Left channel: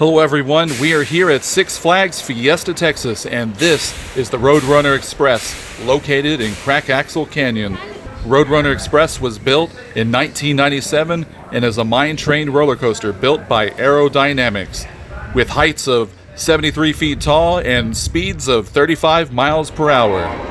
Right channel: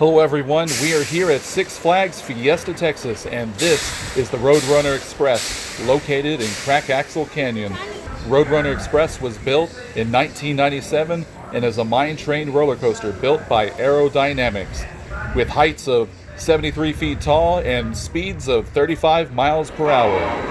Hello everyone, we are here at Six Flags Fiesta Texas, and this is the Roadrunner Express, located in Crackaxle Canyon. Roadrunner Express was built in 1997 and is a mine-trained roller coaster built by Aerodynamics, with heights of 73 feet tall and speeds of 35 miles per hour.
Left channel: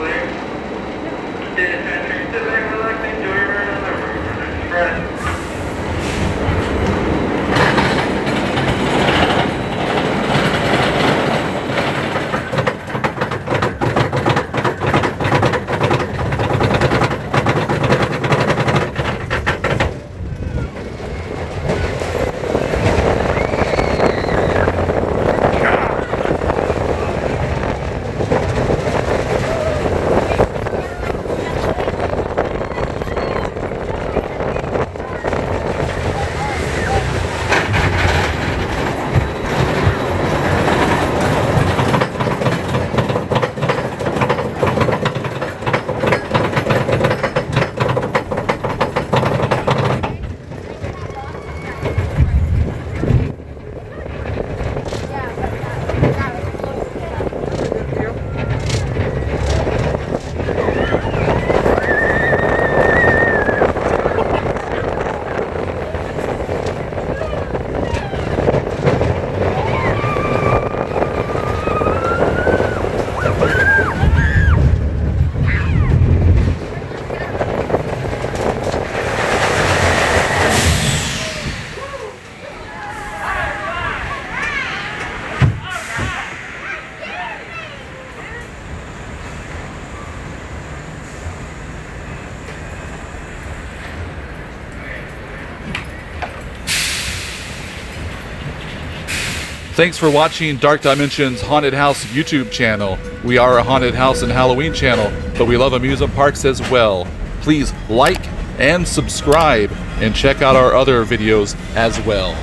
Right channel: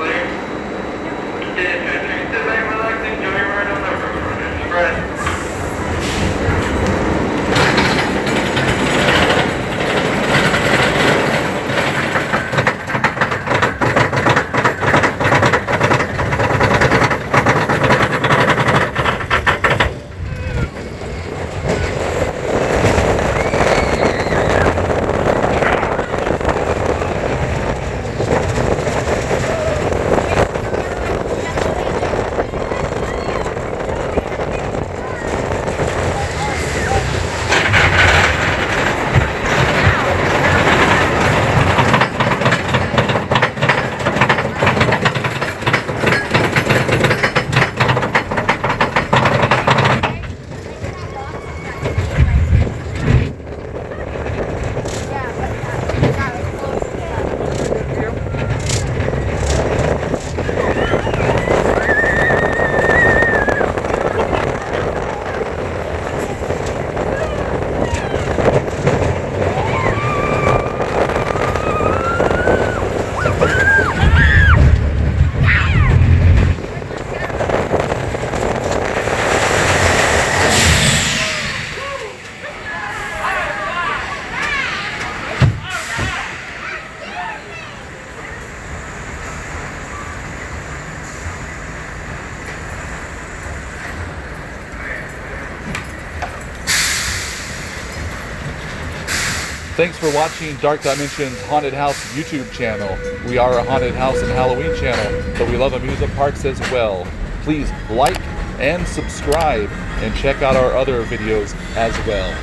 Thanks for watching Dark Dimension's Haunted House YouTube channel. We are a haunted house and Halloween channel, but we love amusement parks as well. Please like and subscribe and check out our other videos as well.